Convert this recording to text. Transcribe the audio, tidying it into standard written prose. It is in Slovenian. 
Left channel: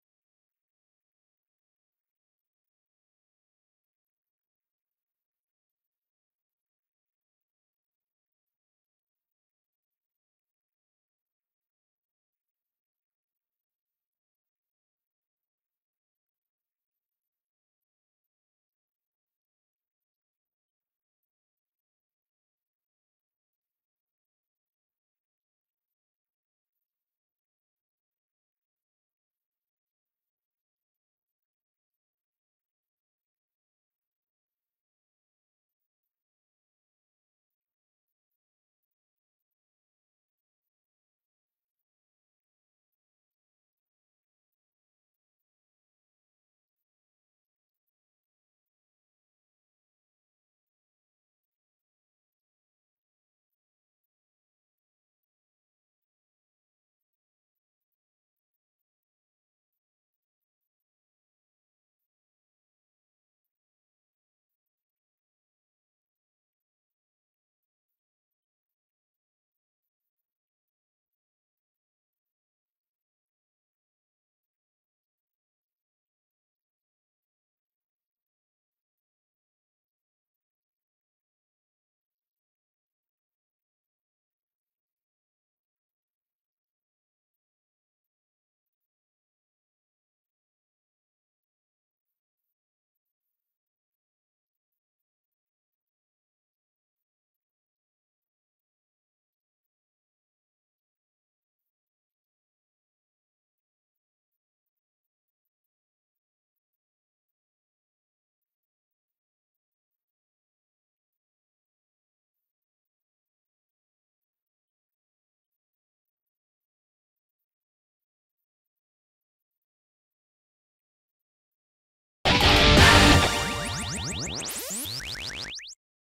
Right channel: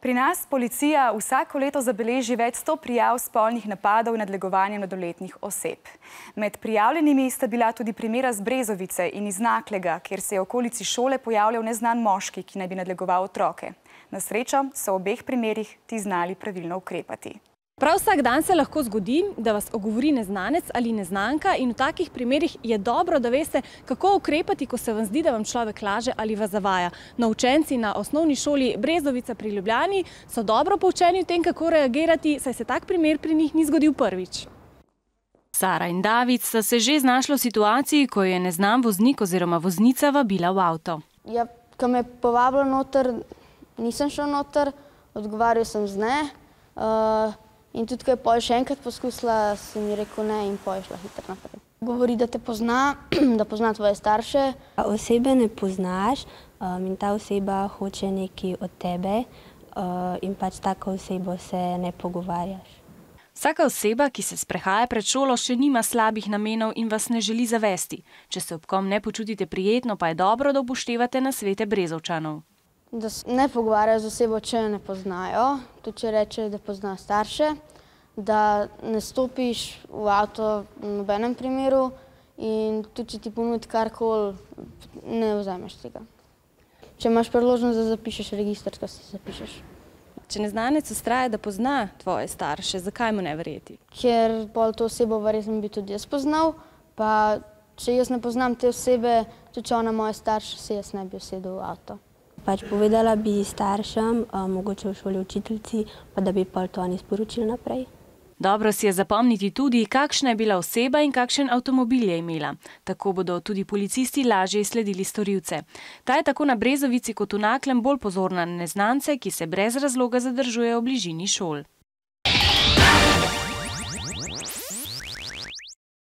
Pri nas policija vsako leto zabeleži več 100 prijav spolnih napadov in nadlegovanja mladoletnih oseb. Med prijavljenimi sta bila tudi primera z Brezovice in iz Naklega, kjer se je v okolici šole pojavljal neznan moški, ki naj bi nadlegoval otroke. Na srečo so v obeh primerih ti znali pravilno ukrepati. Prav vsak dan se lahko zgodi, da vas ogovori neznanec ali neznanka in v takih primerih je dobro, da veste, kako ukrepati, ko se vam zdi, da vam človek laže ali vas zavaja. No, učenci na osnovni šoli Brezovica pri Ljubljani so dobro poučeni v tem, kako reagirati, saj se tak primer pri njih ni zgodil prvič. Sara in David sta se že znašla v situaciji, ko je neznan voznik oziroma voznica vabila v avto. Ja, ko me je povabilo noter, nisem šel noter, odgovarjal sem z ne. In tudi, ko je pol še enkrat poskusila, sem ji rekel ne in pol je šla hitro naprej. Govori, da te pozna, da pozna tvoje starše. Osebe ne poznaš in ta oseba hoče nekaj od tebe in pač tako osebo se ne pogovarjaš. Vsaka oseba, ki se sprehaja pred šolo, še nima slabih namenov in vas ne želi zavesti. Če se ob kom ne počutite prijetno, pa je dobro, da upoštevate nasvete Brezovčanov. Da se ne pogovarjajo z osebo, če jo ne poznajo, tudi če reče, da pozna starše, da ne stopiš v avto v nobenem primeru in tudi, če ti ponudi karkoli, ne vzameš tega. Če imaš priložnost, da zapišeš register, kaj si zapišeš. Če neznanec vztraja, da pozna tvoje starše, zakaj mu ne verjeti? Ker pol to osebo verjetno bi tudi jaz poznal, pa če jaz ne poznam te osebe, tudi če ona moje starše, se jaz ne bi usedel v avto. Pač povedala bi staršem, mogoče v šoli učiteljci, pa da bi pol to oni sporočili naprej. Dobro si je zapomniti tudi, kakšna je bila oseba in kakšen avtomobil je imela. Tako bodo tudi policisti lažje izsledili storilce. Ta je tako na Brezovici kot v Naklem bolj pozorna na neznance, ki se brez razloga zadržujejo v bližini šol.